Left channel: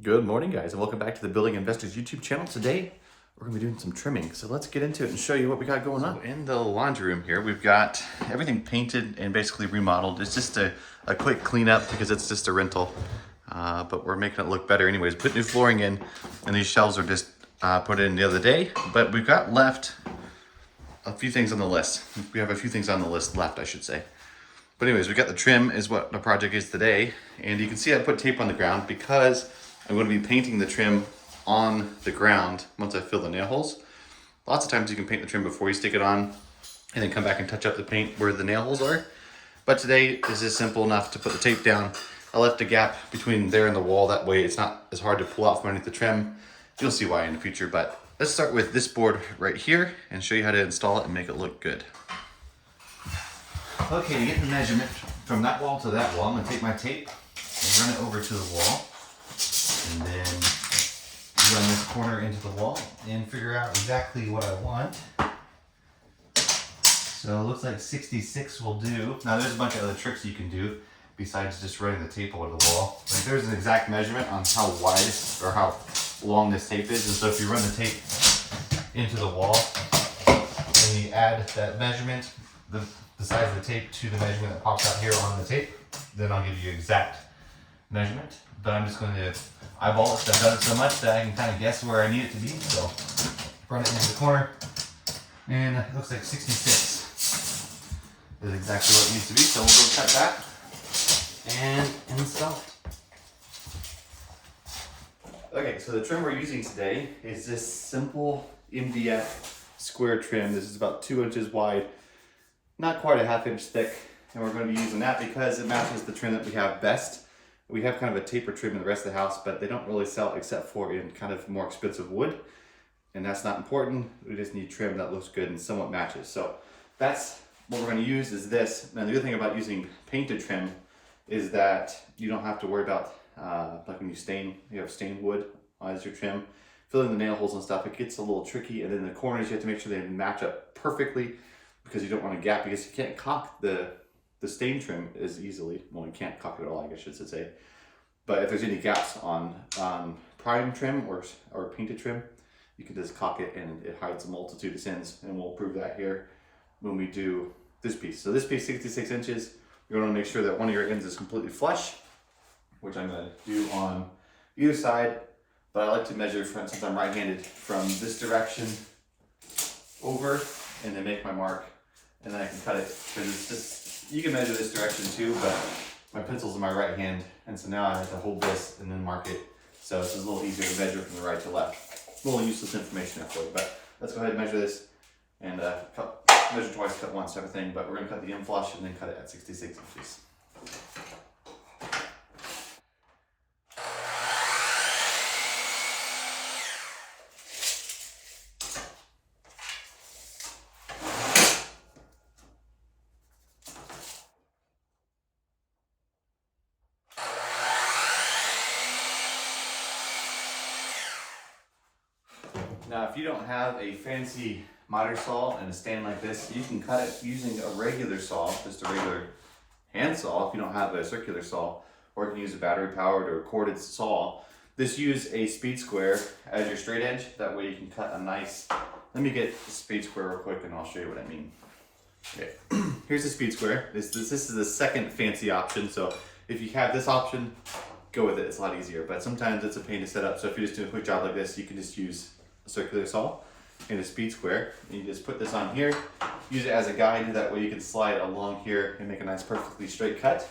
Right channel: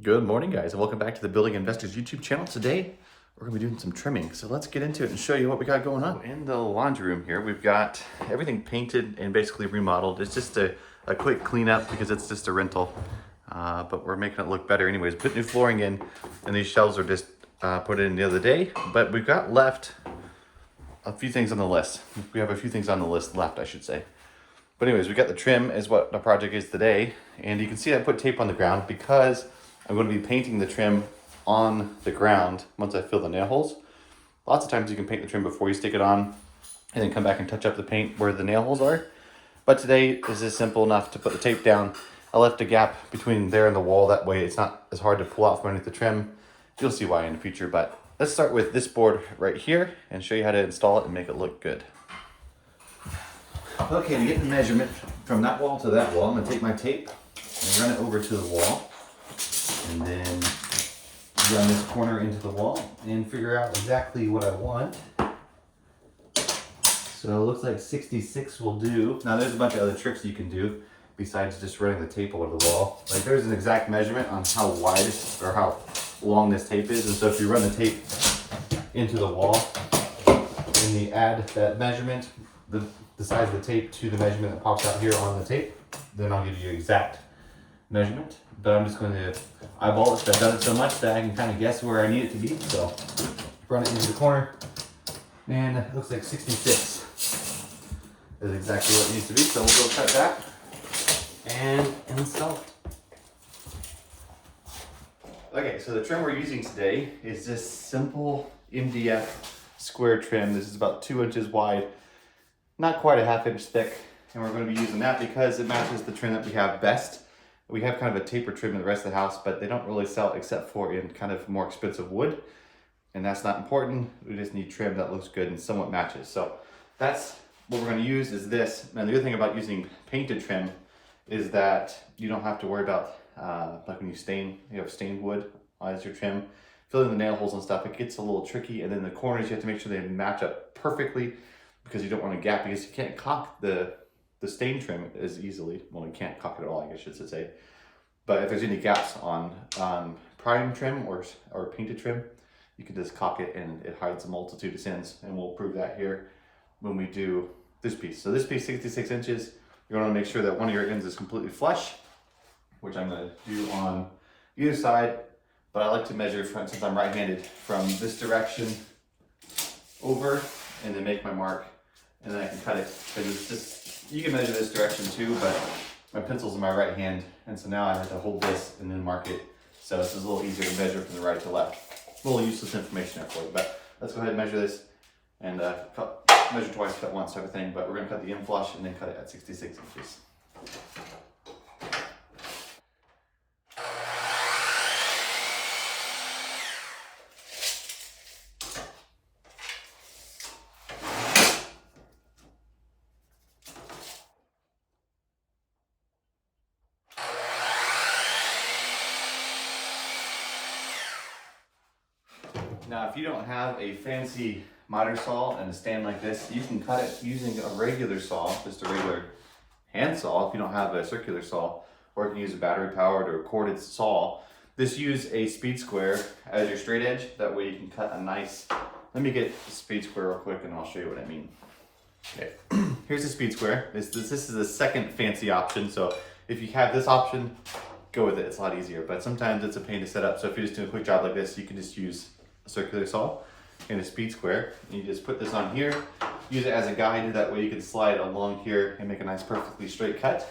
Good morning, guys, and welcome back to the Building Investors YouTube channel. Today, we're gonna be doing some trimming. So let's get into it and show you what we got going on. In the laundry room here, we've got everything painted and basically remodeled. It's just a quick cleanup because it's just a rental, but we're making it look better anyways. Put new flooring in, and these shelves are just put in the other day, but we've got left a few things on the list. We have a few things on the list left, I should say. But anyways, we got the trim is what the project is today. And you can see I put tape on the ground because I'm going to be painting the trim on the ground once I fill the nail holes. Lots of times you can paint the trim before you stick it on and then come back and touch up the paint where the nail holes are. But today is just simple enough to put the tape down. I left the gap between there and the wall. That way it's not as hard to pull out from underneath the trim. You'll see why in the future, but let's start with this board right here and show you how to install it and make it look good. Okay, to get the measurement from that wall to that wall, I'm gonna take my tape and run it over to the wall. And then run this corner into the wall and figure out exactly what I want. So it looks like 66 will do. Now there's a bunch of other tricks you can do besides just running the tape over the wall. Like there's an exact measurement on how wide or how long this tape is. And so if you run the tape into the wall and you add that measurement, the size of the tape to the measurement that pops out here on the tape, then I'll give you exact measurement. But I'm just going to eyeball it. I've done it so much that I can kind of guess where I need it to be. So run it into the corner, and it looks like 66 is exactly what it needs to be. So we'll go cut that and install it. Okay, so the trim we're using today is this simple MDF square trim. This is about 2 inches wide, not quite a ½ inch thick, and we're going to be using that because it matches the trim that we have best. We have kind of a taper trim in the rest of the house, but they don't really sell except for in kind of more expensive wood. And that's not important. We just need trim that looks good and somewhat matches. So that's what we're going to use is this. And the other thing about using painted trim is that you don't have to worry about, like when you have stained wood as your trim, filling the nail holes and stuff, it gets a little tricky. And then the corners, you have to make sure they match up perfectly because you don't want a gap because you can't caulk the stain trim as easily. Well, you can't caulk it at all, I guess I should say. But if there's any gaps on prime trim or painted trim, you can just caulk it and it hides a multitude of sins. And we'll prove that here when we do this piece. So this piece, 66 inches, you're gonna make sure that one of your ends is completely flush, which I'm gonna do on either side. But I like to measure, since I'm right-handed, from this direction over and then make my mark. And then I can cut it, because it's just, you can measure this direction too, but my pencil's in my right hand, and so now I have to hold this and then mark it. So it's a little easier to measure from the right to left. A little useless information there for you, but let's go ahead and measure this and measure twice, cut once type of thing, but we're gonna cut the end flush and then cut it at 66 inches. Now, if you don't have a fancy miter saw and a stand like this, you can cut it using a regular saw, just a regular hand saw if you don't have a circular saw, or you can use a battery powered or a corded saw. Just use a speed square as your straight edge. That way you can cut a nice, let me get the speed square real quick and I'll show you what I mean. Okay, here's the speed square. This is the second fancy option. So if you have this option, go with it, it's a lot easier. But sometimes it's a pain to set up. So if you're just doing a quick job like this, you can just use circular saw and a speed square. You just put this on here, use it as a guide, that way you can slide along here and make a nice perfectly straight cut.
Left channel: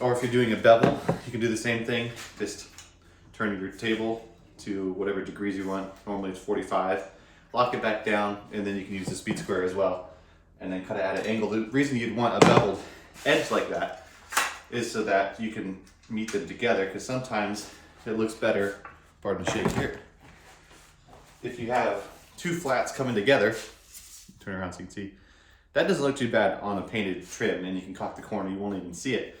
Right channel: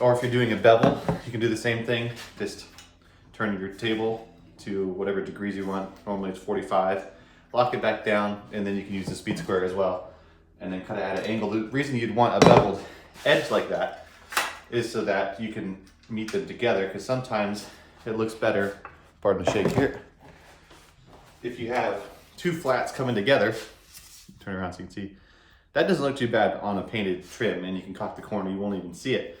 Or if you're doing a bevel, you can do the same thing. Just turn your table to whatever degrees you want. Normally it's 45. Lock it back down, and then you can use the speed square as well. And then cut it at an angle. The reason you'd want a beveled edge like that is so that you can meet them together, because sometimes it looks better, pardon the shade here, if you have two flats coming together. Turn around so you can see. That doesn't look too bad on a painted trim, and you can caulk the corner, you won't even see it.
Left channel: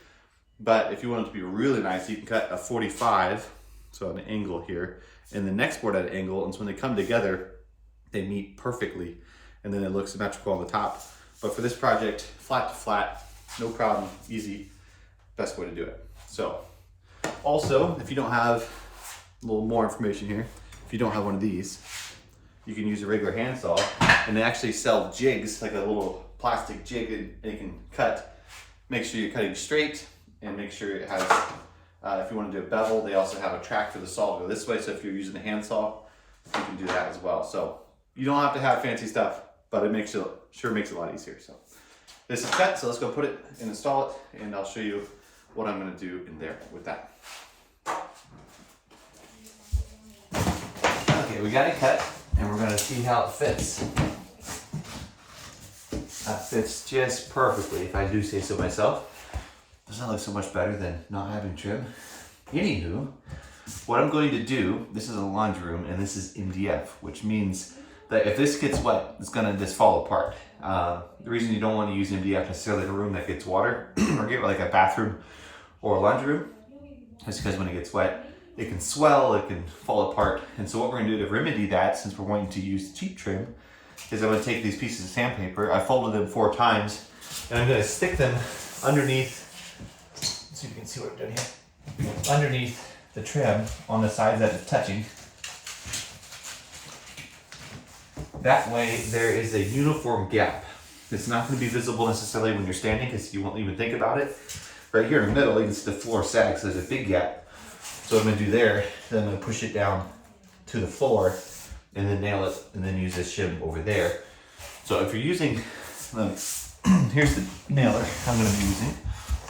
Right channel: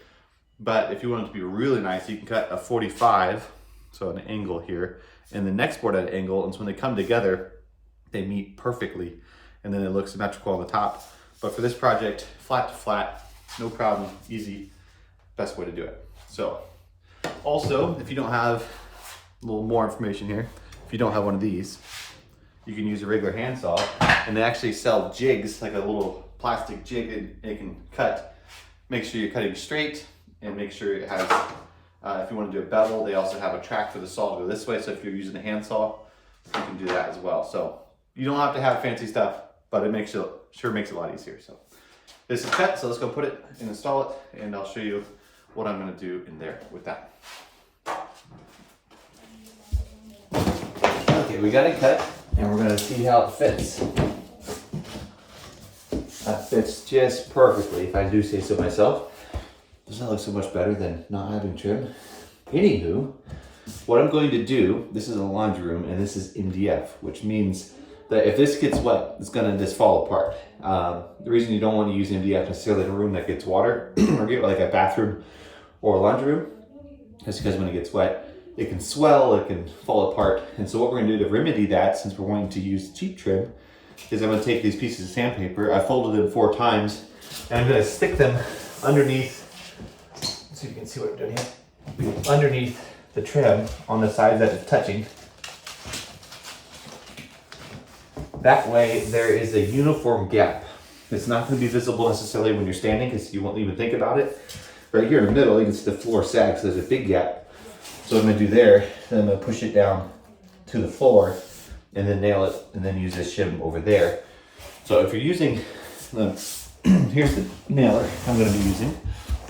But if you want it to be really nice, you can cut a 45, so an angle here, and the next board at an angle, and so when they come together, they meet perfectly, and then it looks symmetrical on the top. But for this project, flat to flat, no problem, easy, best way to do it. So, also, if you don't have little more information here. If you don't have one of these, you can use a regular handsaw, and they actually sell jigs, like a little plastic jig, and it can cut. Make sure you're cutting straight, and make sure it has, if you want to do a bevel, they also have a track for the saw to go this way, so if you're using a handsaw, you can do that as well. So you don't have to have fancy stuff, but it makes it, sure makes it a lot easier. So this is cut, so let's go put it and install it, and I'll show you what I'm going to do in there with that. Okay, we got it cut, and we're going to see how it fits. That fits just perfectly, if I do say so myself. Doesn't look so much better than not having trim. Anywho, what I'm going to do, this is a laundry room, and this is MDF, which means that if this gets wet, it's gonna just fall apart. The reason you don't want to use MDF necessarily in a room that gets water, or get like a bathroom or a laundry room, is because when it gets wet, it can swell, it can fall apart. And so what we're gonna do to remedy that, since we're going to use cheap trim, is I'm gonna take these pieces of sandpaper, I folded them 4 times, and I'm gonna stick them underneath, let's see if you can see what I'm doing here, underneath the trim on the sides that it's touching. That way there is a uniform gap. It's not gonna be visible necessarily when you're standing, because you won't even think about it. Right here in the middle, you can see the floor sags, so there's a big gap. So what I'm gonna do there, then I'm gonna push it down to the floor, and then nail it, and then use this shim over there. So if you're using, here's the nailer I'm gonna be using.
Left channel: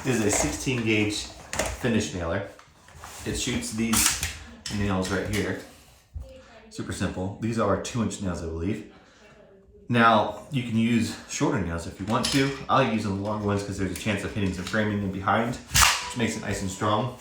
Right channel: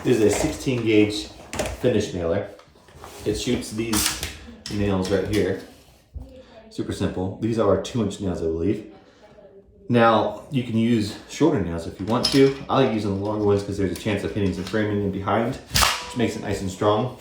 This is a 16 gauge finish nailer. It shoots these nails right here. Super simple. These are 2-inch nails, I believe. Now, you can use shorter nails if you want to. I like using the longer ones because there's a chance of hitting some framing in behind, which makes it nice and strong.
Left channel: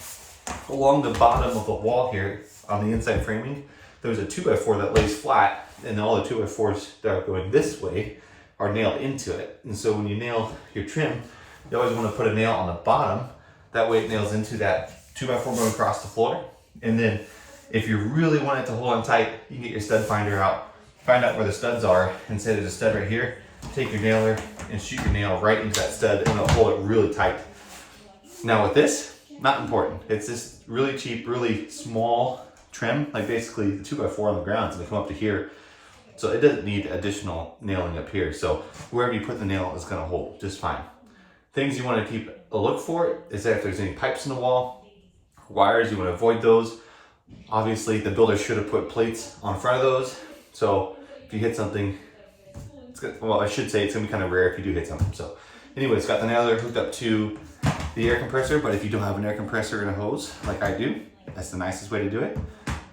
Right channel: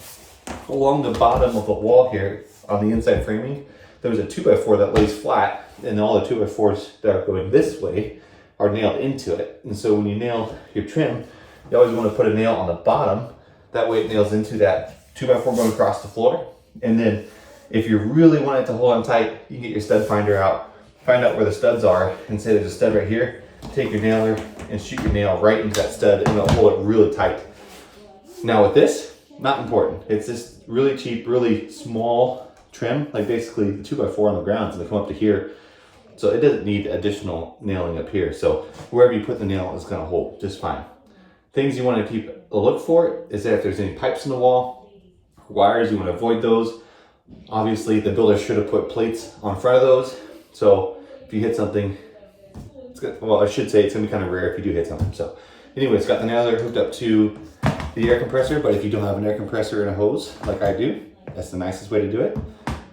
Along the bottom of the wall here, on the inside framing, there's a 2x4 that lays flat, and all the 2x4s that are going this way are nailed into it. And so when you nail your trim, you always want to put a nail on the bottom. That way it nails into that 2x4 going across the floor. And then if you really want it to hold on tight, you can get your stud finder out, find out where the studs are, and say there's a stud right here. Take your nailer and shoot your nail right into that stud, and it'll hold it really tight. Now with this, not important. It's this really cheap, really small trim, like basically the 2x4 on the ground, so they come up to here. So it doesn't need additional nailing up here. So wherever you put the nail is gonna hold just fine. Things you wanna keep a look for is that if there's any pipes in the wall, wires, you wanna avoid those. Obviously the builder should have put plates on front of those. So if you hit something, it's gonna, well, I should say it's gonna be kind of rare if you do hit something. So anyway, it's got the nailer hooked up to the air compressor, but if you don't have an air compressor and a hose like I do, that's the nicest way to do it.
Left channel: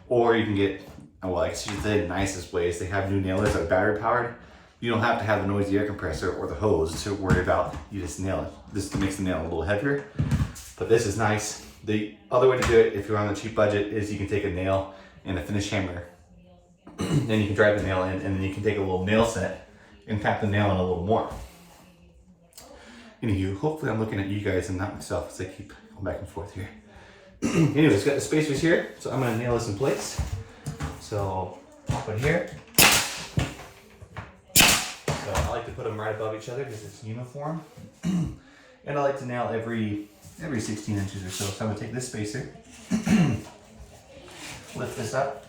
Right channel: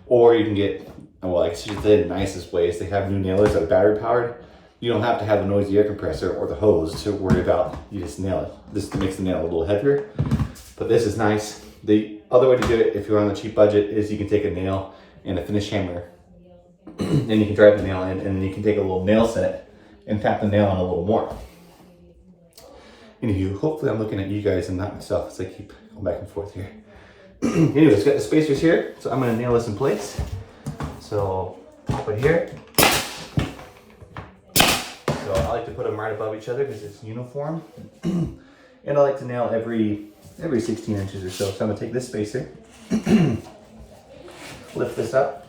Or you can get, well, I should say the nicest way is they have new nailers that are battery powered. You don't have to have a noisy air compressor or the hose to worry about, you just nail it. This makes the nail a little heavier, but this is nice. The other way to do it, if you're on the cheap budget, is you can take a nail and a finish hammer, then you can drive the nail in, and then you can take a little nail set and tap the nail in a little more. Anywho, hopefully I'm looking at you guys and not myself as I keep going back and forth here. Anyways, got the spacers here, so I'm gonna nail this in place. So I'll put it here. So I like to put them right above each other because it's uniform. And I like to nail every 16 inches or so. So I'm gonna take this spacer, lift this up,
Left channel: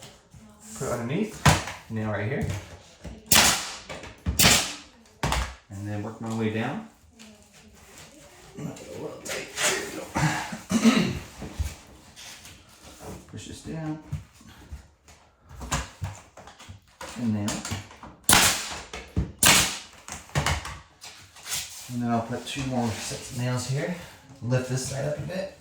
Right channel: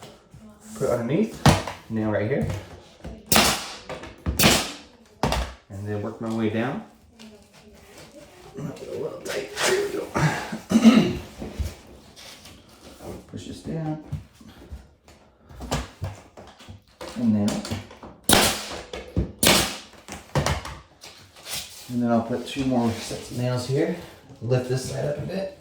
put it underneath, nail right here, and then work my way down. A little tight. There we go. Push this down and nail it. And then I'll put 2 more sets of nails here. Lift this side up a bit.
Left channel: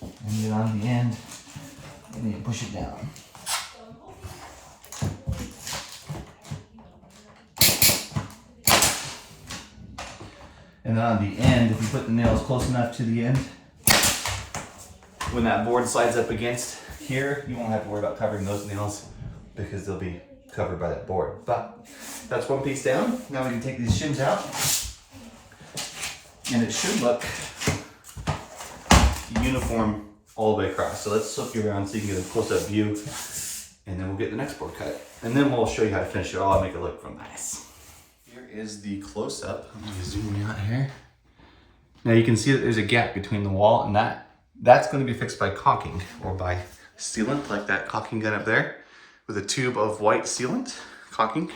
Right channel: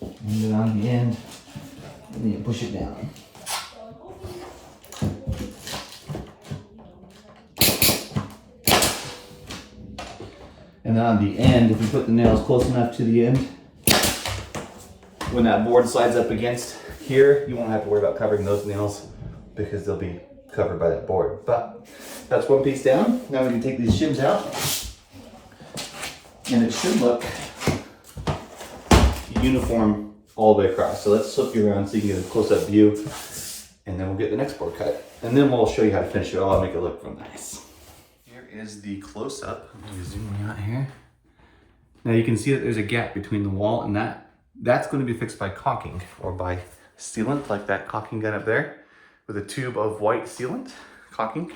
And then on the end, and then push it down. And then on the end, if you put the nails close enough to the end, when that board slides up against here, you won't have to worry about covering those nails because they'll be covered by that board. But that's one piece down. Now we can take these shims out, and it should look uniform all the way across. So let's flip you around so you can get a close-up view, and then we'll get the next board cut. And then we'll show you how to finish it all and make it look real nice. Here is the close-up. Let me zoom you out here. Now you can see that there's a gap between the wall and that's going to be fixed by caulking or by sealant, like that caulking gun up there with a tube of white sealant caulking,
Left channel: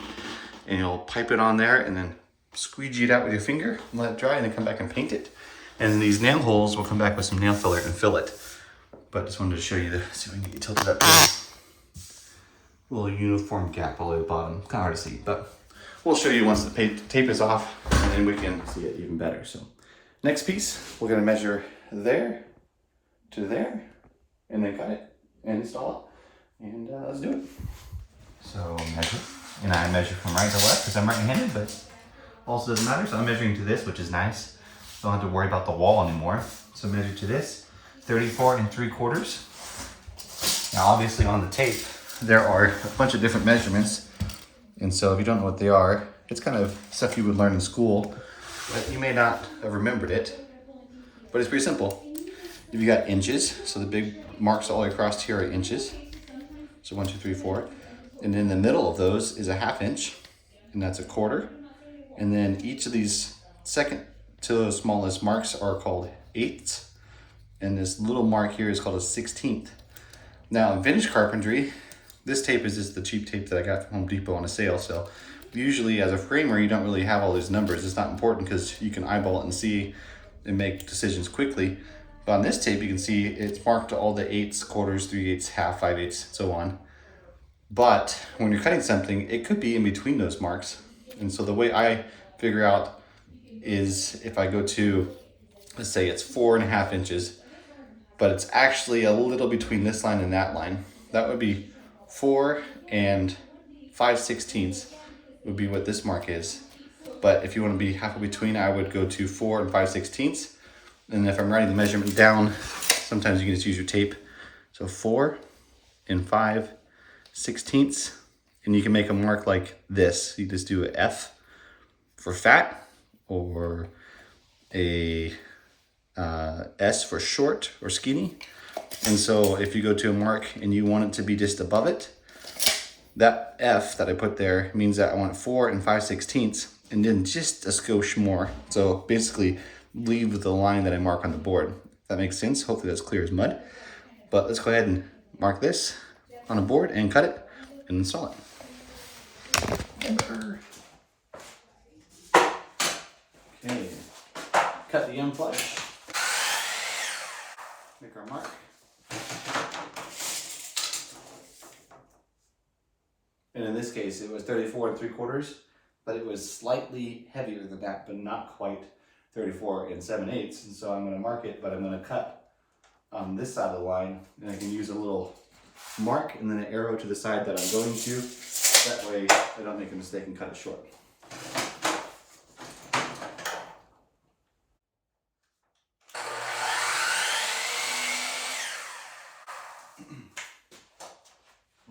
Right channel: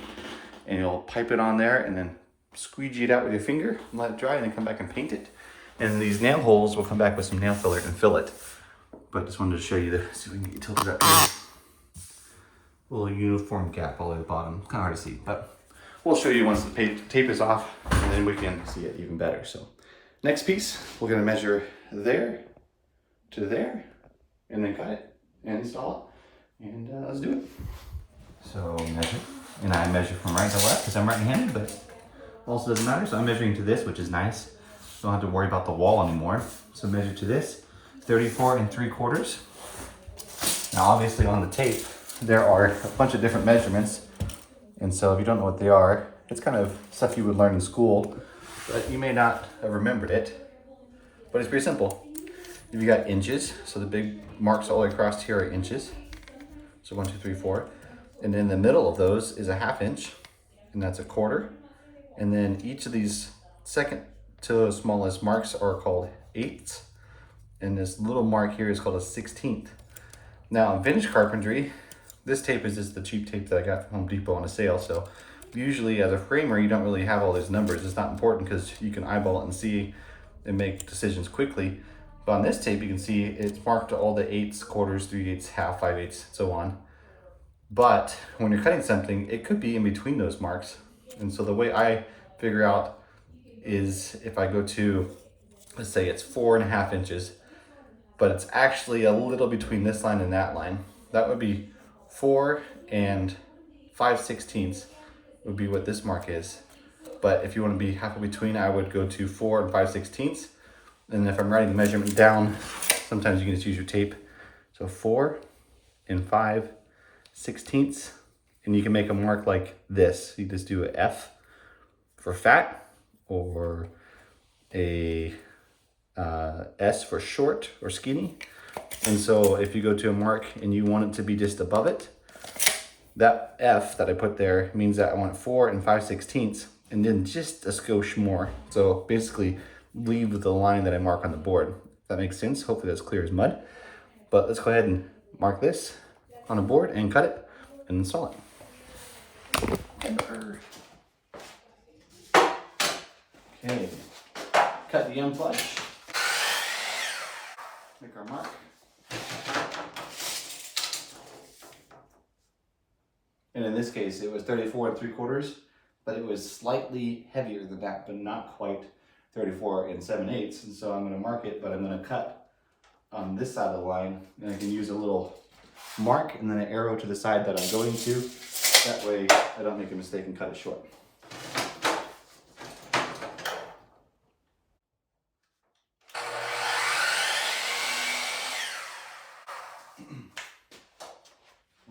and you'll pipe it on there and then squeegee it out with your finger and let it dry, and then come back and paint it. And these nail holes will come back with some nail filler and fill it. But just wanted to show you see if we can get tilted up here. Little uniform gap all the way at the bottom. Kind of hard to see, but we'll show you once the tape is off, and then we can see it even better. So next piece, we're gonna measure there to there, and then cut it and install it, and let's do it. So measure, and I measure from right to left because I'm right-handed, but also doesn't matter. So I'm measuring to this, which is nice. Don't have to worry about the wall anymore. So measure to this, 34 3/4. Now obviously on the tape, there are a bunch of different measurements. And so if you don't know what they are, it's kind of stuff you would learn in school, but you may not have remembered it, but it's pretty simple. If you got inches, so the big marks all the way across here are inches. So 1, 2, 3, 4. And in the middle of those is a 1/2 inch, and that's 1/4. And then each of these second to those smallest marks are called eighths. And this little mark here is called a 16th. Now in vintage carpentry, this tape is just the cheap tape that I got from Home Depot on a sale. So usually as a framer, you don't really have all these numbers. It's not important because you can eyeball it and see and make decisions quickly. But on this tape, you can see it's marked all the eighths, quarters, 3/8, 1/2, 5/8, so on. But when you're cutting something, it could be in between those marks. And so the way I figure out is if I go to, let's say it's 4.5 inches, but it's actually a little between this line and that line. That would be 4 5/16 would be what this mark is. But if you want to be halfway between, I would go to 4 5/16. And if I'm writing the measurement down, sometimes you can just use your tape. So 4 5/16, and you can make a mark like this. You just do a F for fat, or a S for short or skinny. And so if you go to a mark and you want it to be just above it, that F that I put there means that I want 4 5/16, and then just a skosh more. So basically leave with the line that I mark on the board. If that makes sense. Hopefully that's clear as mud. But let's go ahead and mark this on a board and cut it and install it. Okay, cut the end flush. Make our mark. And in this case, it was 34 3/4, but it was slightly heavier than that, but not quite 34 7/8. And so I'm going to mark it, but I'm going to cut on this side of the line, and I can use a little mark and then an arrow to the side that I'm going to. That way I don't make a mistake and cut it short.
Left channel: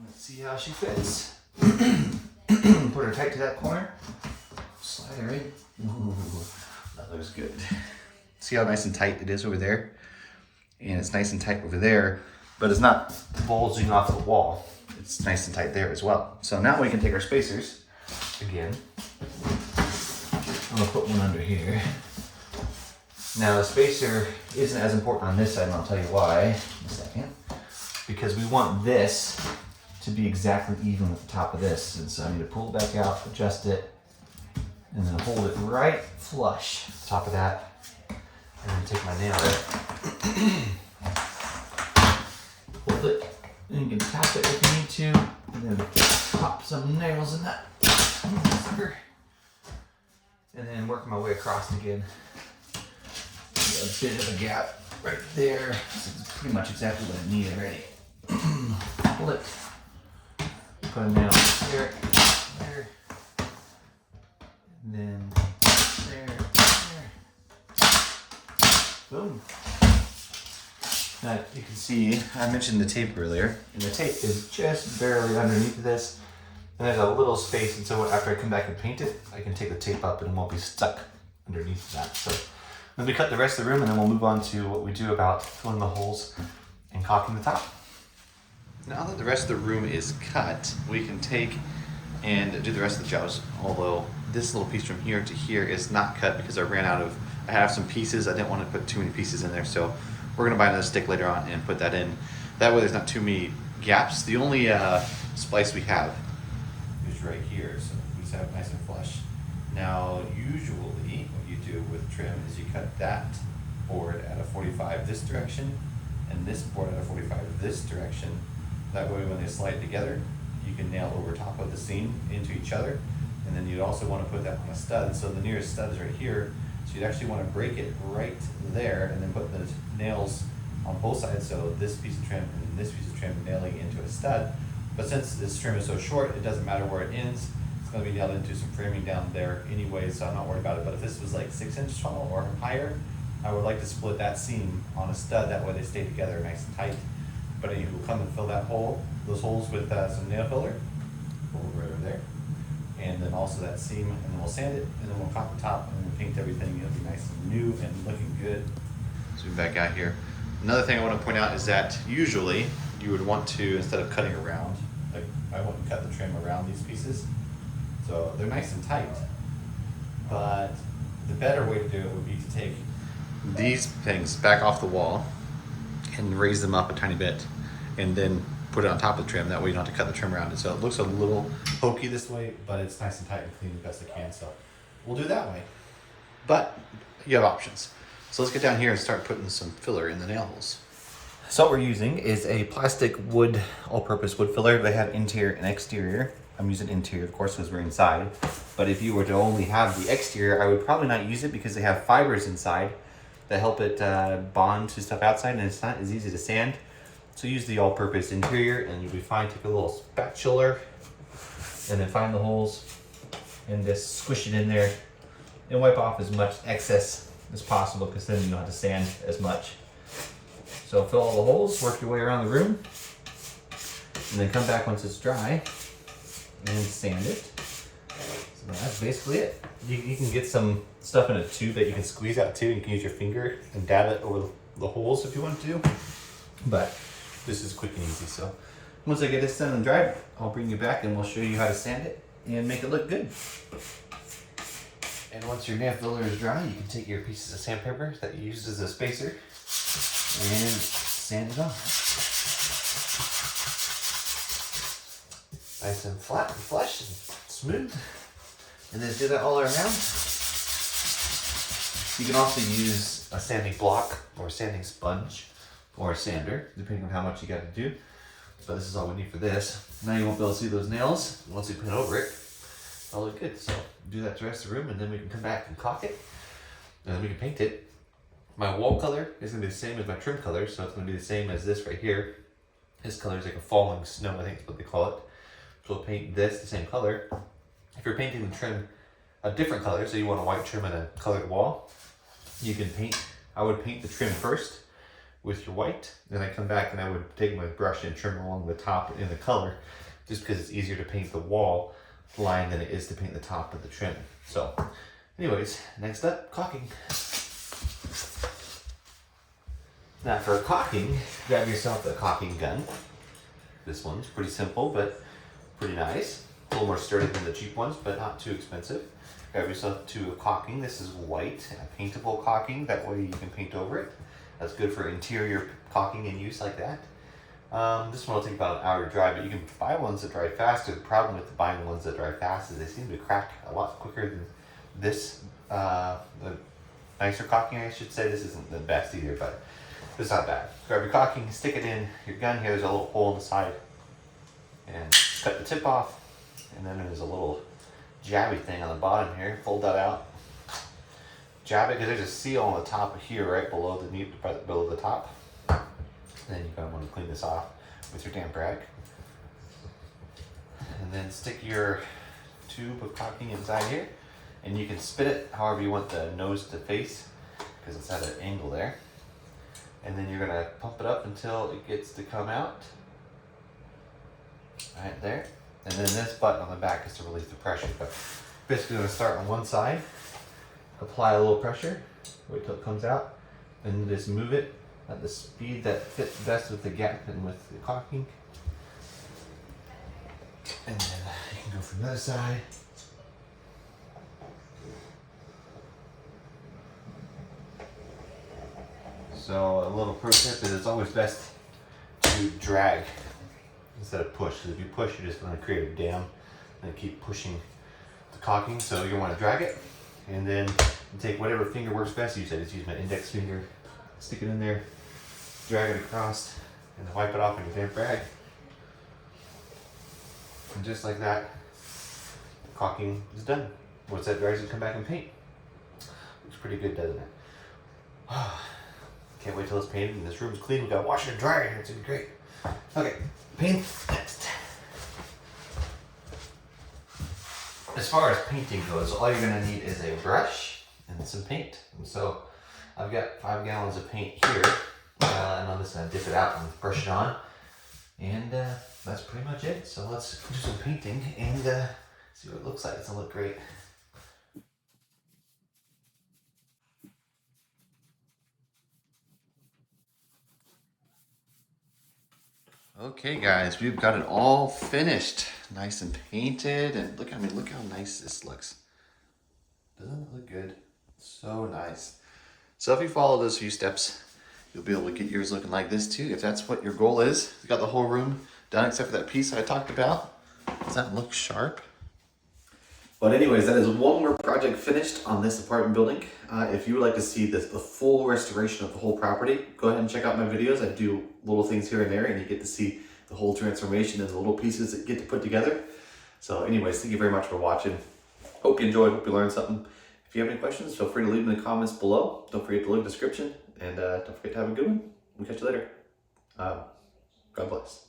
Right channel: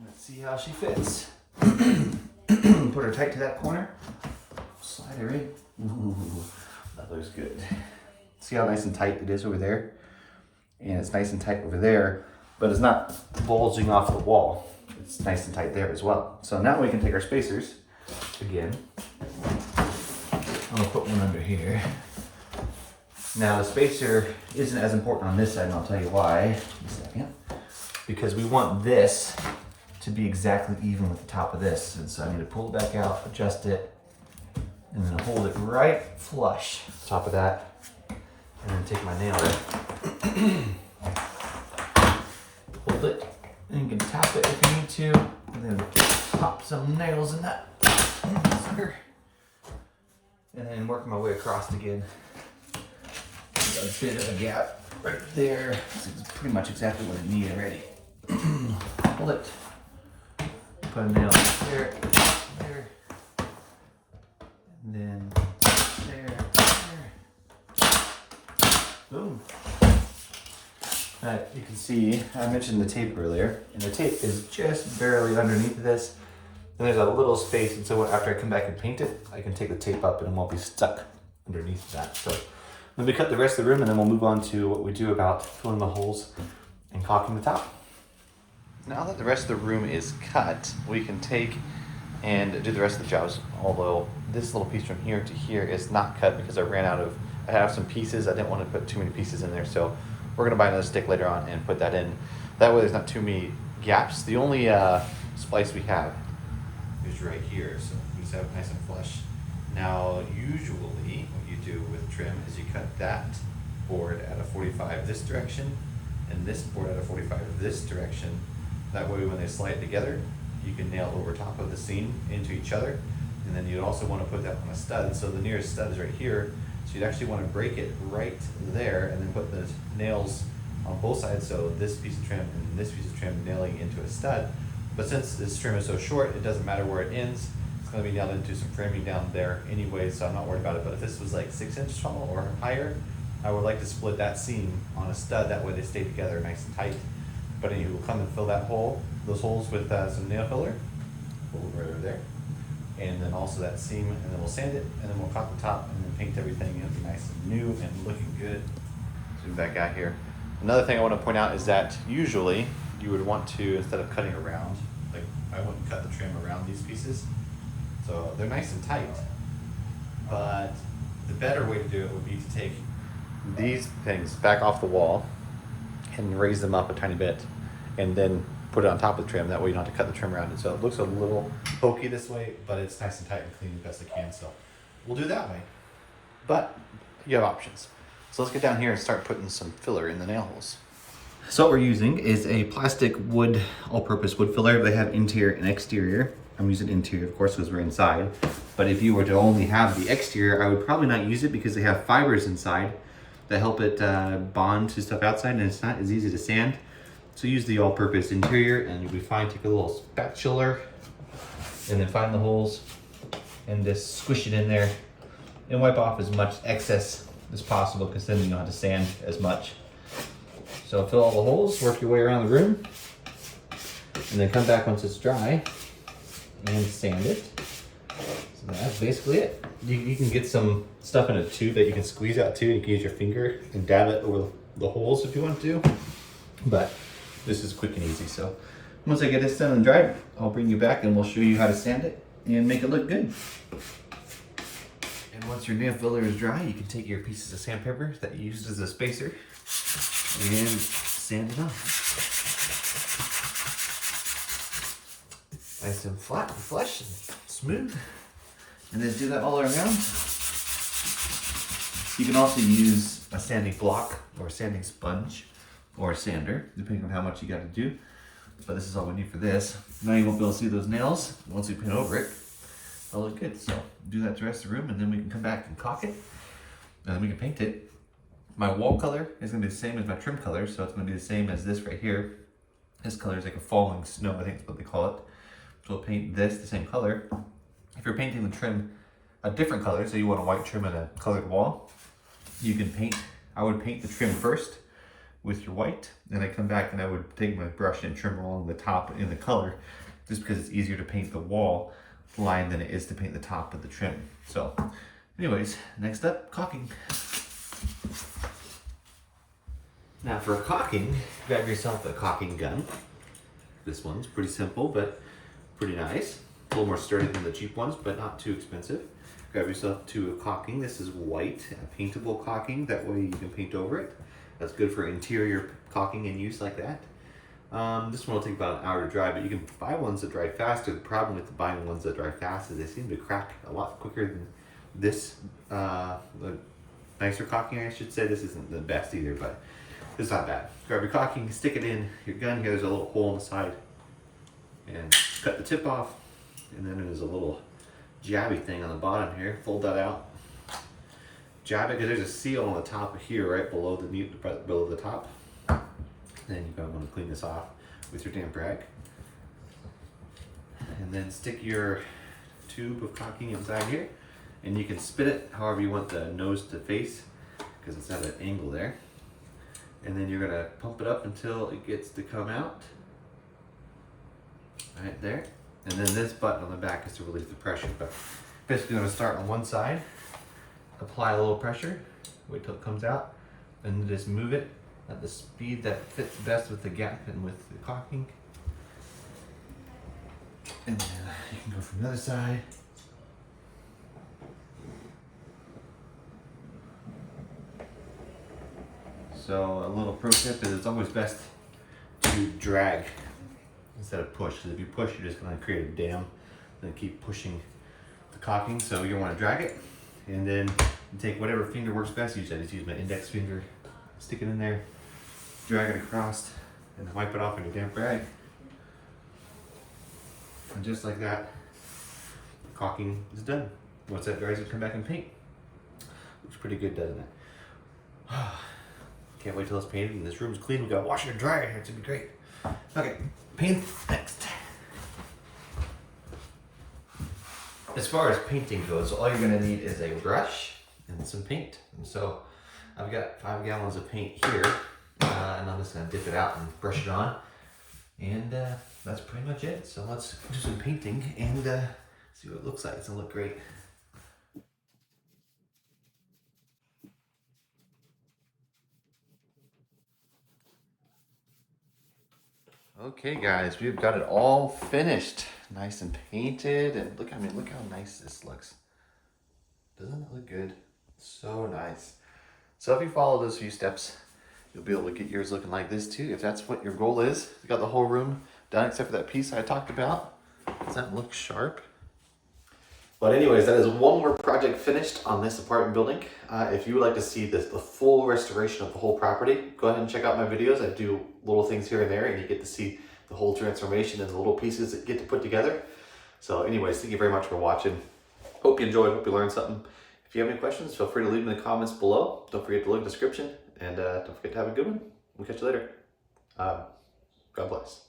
Let's see how she fits. Put her tight to that corner. Slide her in. Ooh, that looks good. See how nice and tight it is over there? And it's nice and tight over there, but it's not bulging off the wall. It's nice and tight there as well. So now we can take our spacers again. I'm gonna put one under here. Now the spacer isn't as important on this side, and I'll tell you why in a second. Because we want this to be exactly even with the top of this. And so I need to pull it back out, adjust it, and then hold it right flush on top of that. And then take my nail, hold it, and you can tap it if you need to, and then pop some nails in that. And then work my way across again. Got a bit of a gap right there. This is pretty much exactly what I need already. Hold it. Put a nail there, there, and then there, there. Boom. You can see, I mentioned the tape earlier, and the tape is just barely underneath this. And there's a little space, and so after I come back and paint it, I can take the tape up and it won't be stuck underneath that. So then we cut the rest of the room, and then we'll move on to what we do about filling the holes and caulking the top. Now that the rest of the room is cut, we can take and do the rest of the jobs. Although this little piece from here to here is not cut because I have some pieces. I didn't want to put too many pieces in there, so we're gonna buy another stick later on and put that in. That way there's not too many gaps. The only splice we have is right here, so we just have it nice and flush. Now, usually what you do with trim is you cut that board at a 45 this direction and this board at a 45 this direction. That way when they slide together, you can nail over top of the seam into each other. And then you'd also want to put that on a stud. So the nearest stud is right here. So you'd actually want to break it right there and then put the nails on both sides. So this piece of trim and this piece of trim nailing into a stud. But since this trim is so short, it doesn't matter where it ends. It's going to be nailed into some framing down there anyway, so I'm not worried about it. But if this was like 6 inches tall or higher, I would like to split that seam on a stud. That way they stay together nice and tight. But anyway, we'll come and fill that hole, those holes with some nail filler. Right over there. And then also that seam, and then we'll sand it, and then we'll caulk the top, and then paint everything. It'll be nice and new and looking good. Zoom back out here. Another thing I want to point out is that usually you would want to, instead of cutting around, like I wouldn't cut the trim around these pieces. So they're nice and tight. But the better way to do it would be to take these things back off the wall and raise them up a tiny bit, and then put it on top of the trim. That way you don't have to cut the trim around it. So it looks a little hokey this way, but it's nice and tight and clean the best I can. So we'll do that way. But you have options. So let's get down here and start putting some filler in the nail holes. So what we're using is a plastic wood, all-purpose wood filler. They have interior and exterior. I'm using interior, of course, because we're inside. But if you were to only have the exterior, I would probably not use it because they have fibers inside that help it bond to stuff outside, and it's not as easy to sand. So use the all-purpose interior and you'll be fine. Take a little spatula and then find the holes and just squish it in there and wipe off as much excess as possible, because then you don't have to sand as much. So fill all the holes, work your way around the room, and then come back once it's dry and sand it. So that's basically it. You can get some stuff in a tube that you can squeeze out too. You can use your finger and dab it over the holes if you want to. But this is quick and easy. So once I get this done and dried, I'll bring you back and we'll show you how to sand it and make it look good. And once your nail filler is dry, you can take your pieces of sandpaper that you used as a spacer and sand it off. Nice and flat and flush and smooth. And then do that all around. You can also use a sanding block or a sanding sponge or a sander, depending on how much you got to do. But this is all we need for this. Now you won't be able to see those nails. Once you paint over it, it'll look good. So do that to the rest of the room, and then we can come back and caulk it, and then we can paint it. My wall color is going to be the same as my trim color, so it's going to be the same as this right here. This color is like a falling snow, I think is what they call it. So we'll paint this the same color. If you're painting the trim a different color, so you want a white trim and a colored wall, you can paint. I would paint the trim first with your white, then I come back and I would take my brush and trim along the top in the color, just because it's easier to paint the wall line than it is to paint the top of the trim. So anyways, next up, caulking. Now for caulking, grab yourself a caulking gun. This one's pretty simple, but pretty nice. A little more sturdy than the cheap ones, but not too expensive. Grab yourself a tube of caulking. This is white, a paintable caulking. That way you can paint over it. That's good for interior caulking and use like that. This one will take about an hour to dry, but you can buy ones that dry faster. The problem with buying ones that dry fast is they seem to crack a lot quicker than this. The nicer caulking, I should say. This isn't the best either, but it's not bad. Grab your caulking, stick it in your gun. Here, there's a little hole in the side, and cut the tip off. And then there's a little jabby thing on the bottom here. Fold that out. Jab it, because there's a seal on the top of here, right below below the top. Then you're going to want to clean this off with your damp rag. And then stick your tube of caulking inside here, and you can spin it however you want the nose to face, because it's at an angle there. And then you're going to pump it up until it gets to come out. Right there. And then this button on the back is to release the pressure. But basically, I'm going to start on one side, apply a little pressure, wait till it comes out, and then just move it at the speed that fits best with the gap and with the caulking. And then you Go from the other side. So a little pro tip is it's always best to drag instead of push. Because if you push, you're just going to create a dam and keep pushing the caulking. So you want to drag it, and then you take whatever finger works best. I just use my index finger, stick it in there, drag it across, and wipe it off in your damp rag. And just like that, caulking is done. Once that dries, you come back and paint. Looks pretty good, doesn't it? Can't wait till it's painted and this room's clean. We got washer and dryer here. It's gonna be great. Okay, paint next. As far as painting goes, all you're gonna need is a brush and some paint. And so I've got 5 gallons of paint here, and I'm just gonna dip it out and brush it on. And that's pretty much it. So let's do some painting and see what it looks like. It's gonna look great. Okay guys, we've got it all finished. Nice and painted, and look how nice this looks. Doesn't it look good? So nice. So if you follow those few steps, you'll be able to get yours looking like this too, if that's what your goal is. You got the whole room done except for that piece I talked about. Does that look sharp? But anyways, that is one more project finished on this apartment building. If you would like to see the full restoration of the whole property, go ahead and check out my videos. I do little things here and there, and you get to see the whole transformation and the little pieces that get to put together. So anyways, thank you very much for watching. Hope you enjoyed, hope you learned something. If you have any questions, feel free to leave them in the comments below. Don't forget to look at the description, and don't forget to have a good one. We'll catch you later. God bless.